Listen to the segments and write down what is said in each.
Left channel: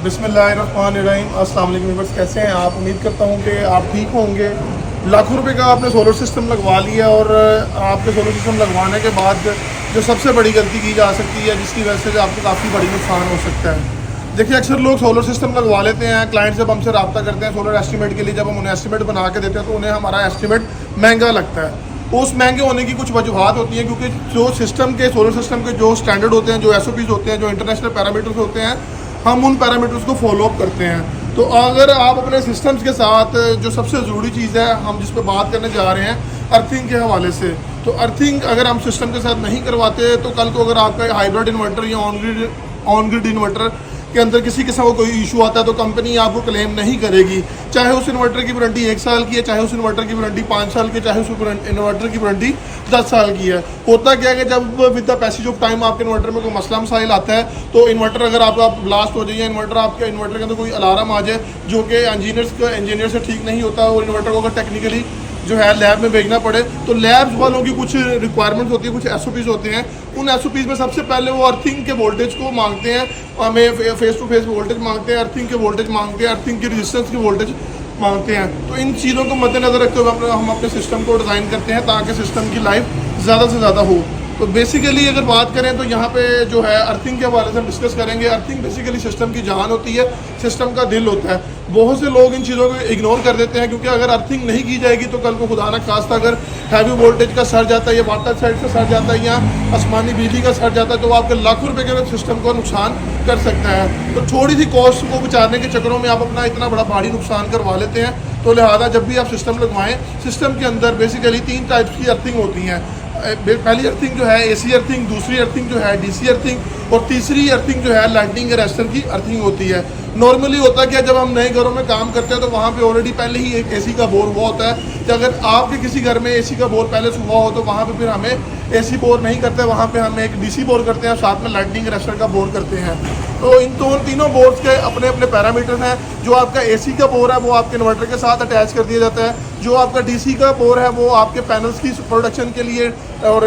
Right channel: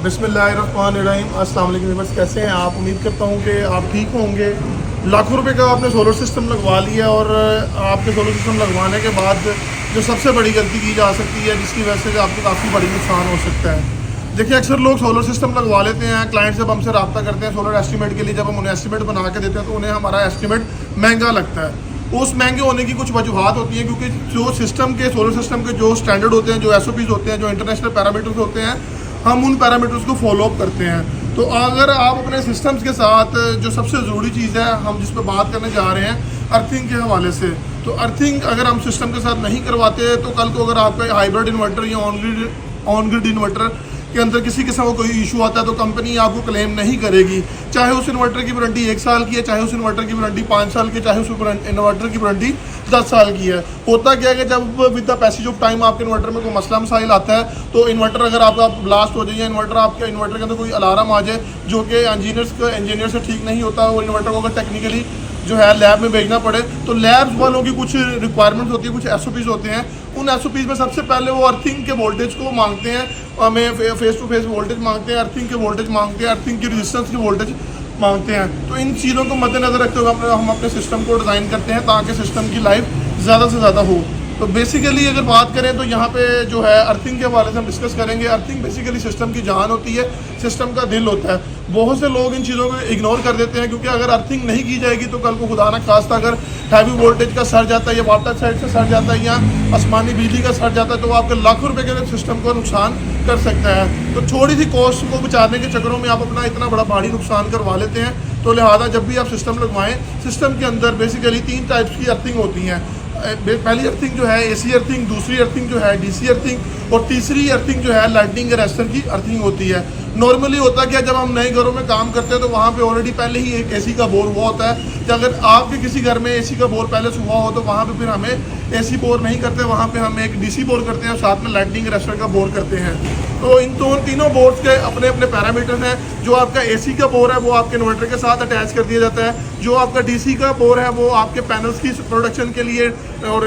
बिस्मिल्लाहिर्रहमानिर्रहीम। अस्सलाम वालेकुम व्यूअर्स, कैसे हैं आप? उम्मीद करता हूँ कि आप ठीक होंगे। लाखों रुपए का आपने सोलर सिस्टम लगवा लिया और आपके सोलर सिस्टम लगवाने के बाद जो सबसे बड़ी गलती की जा सकती है, जिसकी वजह से आपको काफ़ी बड़ी नुकसान हो सकता है। देखिए, अक्सर लोग सोलर सिस्टम लगवा लेते हैं। क्लाइंट जब हमसे रब्ता करते हैं सोलर एस्टीमेट के लिए, जब हम उन्हें एस्टीमेट बना के देते हैं तो उन्हें हमारा एस्टीमेट महंगा लगता है। उस महंगे होने की कुछ वजूहत होती हैं, क्योंकि जो सिस्टम के सोलर सिस्टम के जो स्टैंडर्ड होते हैं, जो SOPs होते हैं, जो इंटरनेशनल पैरामीटर्स होते हैं, हम उन पैरामीटर्स को फॉलो अप करते हैं। तो अगर आप अपने सिस्टम्स के साथ जो सबसे ज़रूरी चीज़ है हम जिस पर बात करने जा रहे हैं, अर्थिंग के हवाले से, तो अर्थिंग अगर हम सिस्टम के साथ नहीं करवाते तो कल को अगर आपका हाइब्रिड इन्वर्टर या ऑन ग्रिड इन्वर्टर के अंदर किसी किस्म का कोई इशू आता है तो कंपनी आपको क्लेम नहीं करेगी। चाहे उस इन्वर्टर की वारंटी 1 साल की है, चाहे उस इन्वर्टर की वारंटी 5 साल की है, चाहे उस इन्वर्टर की वारंटी 10 साल की है। होता क्या है कि जब with the passage of time आपके इन्वर्टर में कोई मसला मसाइल आता है तो इन्वर्टर अगर आपका ब्लास्ट हो जाए या आपके इन्वर्टर के अंदर कोई अलार्म आ जाए जो कि इंजीनियर से ठीक नहीं होता, और इन्वर्टर को अगर टेक्निकली जो है लैब में भेजना पड़े तो लैब्स वालों की कुछ रिक्वायरमेंट्स होती है, कुछ SOPs होते हैं। उन SOPs में सबसे पहले वो अर्थिंग के वोल्टेज को मांगते हैं, हमें फेस टू फेस वोल्टेज मांगते हैं, अर्थिंग के वोल्टेज मांगते हैं, अर्थिंग की रेजिस्टेंस की वोल्टेज मांगते हैं। तो इन चीज़ों को मद्देनजर रखते हुए हम अपने सिस्टम को डिज़ाइन करते हैं ताकि सिस्टम की लाइफ ज़्यादा से ज़्यादा हो। तो बेसिकली अगर बात करें तो यहाँ पे जो है अर्थिंग के हवाले से हम डिस्कस करेंगे। अर्थिंग बेसिकली सिस्टम की जान होती है, सिस्टम का दिल होता है। बहुत से लोग इन चीज़ों को इग्नोर कर देते हैं, क्योंकि अगर अर्थिंग नहीं की जाएगी तो कल को खुदा न खास्ता अगर हैवी वोल्टेज का सर जाता है या वाटर साइड से सर जाता है या आसमानी बिजली का सर जाता है तो वो आपके लाखों रुपए के सिस्टम को नुकसान कर सकता है। तो थोड़ी सी कॉस्ट को बचाने के चक्करों में आप अपना इतना बड़ा भारी नुकसान करवा लेते हैं। तो लिहाजा जब भी आप सिस्टम लगवाएं, सिस्टम के अंदर बेसिकली 3 टाइप्स की अर्थिंग होती हैं। पहली अर्थिंग जो है AC अर्थिंग, दूसरी अर्थिंग जो है DC अर्थिंग, और तीसरी अर्थिंग जो है लाइटनिंग अरेस्टर की अर्थिंग होती है। नॉर्मली होता क्या, जब हम नए घरों में काम करते हैं तो वहाँ पे ऑलरेडी पहले ही एक AC का बोर हुआ होता है। तो अगर आपके किसी घर में AC का बोर पहले से हुआ हो तो वहाँ पे फिर हमें AC बोर नहीं करते, वहाँ पे हम एक DC बोर करते हैं, साथ में लाइटनिंग अरेस्टर का बोर करते हैं। तो इन तीनों बोर्स के अपने अपने पैरामीटर्स हैं। जो आपका AC का बोर है वो आपके इन्वर्टर के साथ अटैच कर दिया जाता है। जो आपका DC का बोर है वो आपके पैनल्स की प्रोडक्शन के लिए और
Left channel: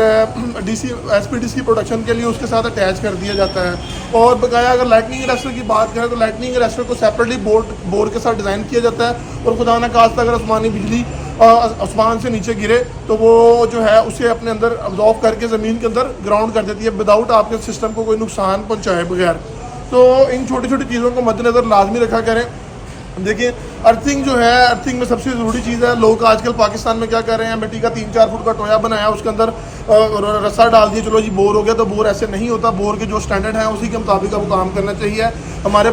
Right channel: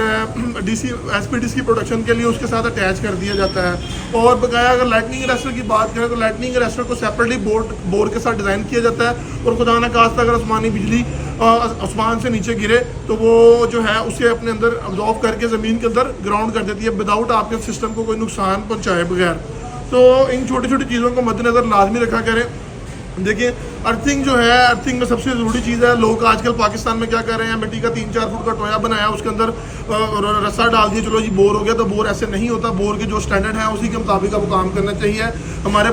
SPDC की प्रोडक्शन के लिए उसके साथ अटैच कर दिया जाता है। और बकाया अगर लाइटनिंग अरेस्टर की बात करें तो लाइटनिंग अरेस्टर को सेपरेटली बोर के साथ डिज़ाइन किया जाता है। और खुदा न खास्ता अगर आसमानी बिजली आसमान से नीचे गिरे तो वो जो है उसे अपने अंदर अब्जॉर्व करके ज़मीन के अंदर ग्राउंड कर देती है, विदाउट आपके सिस्टम को कोई नुकसान पहुँचाए बगैर। तो इन छोटी छोटी चीज़ों को मद्देनज़र लाजमी रखा करें। देखिए, अर्थिंग जो है, अर्थिंग में सबसे ज़रूरी चीज़ है। लोग आजकल पाकिस्तान में क्या कर रहे हैं, मिट्टी का 3-4 फुट का टोया बनाया, उसके अंदर रस्सा डाल दिया, चलो जी बोर हो गया। तो बोर ऐसे नहीं होता। बोर के जो स्टैंडर्ड है उसी के मुताबिक आपको काम करना चाहिए। हमारे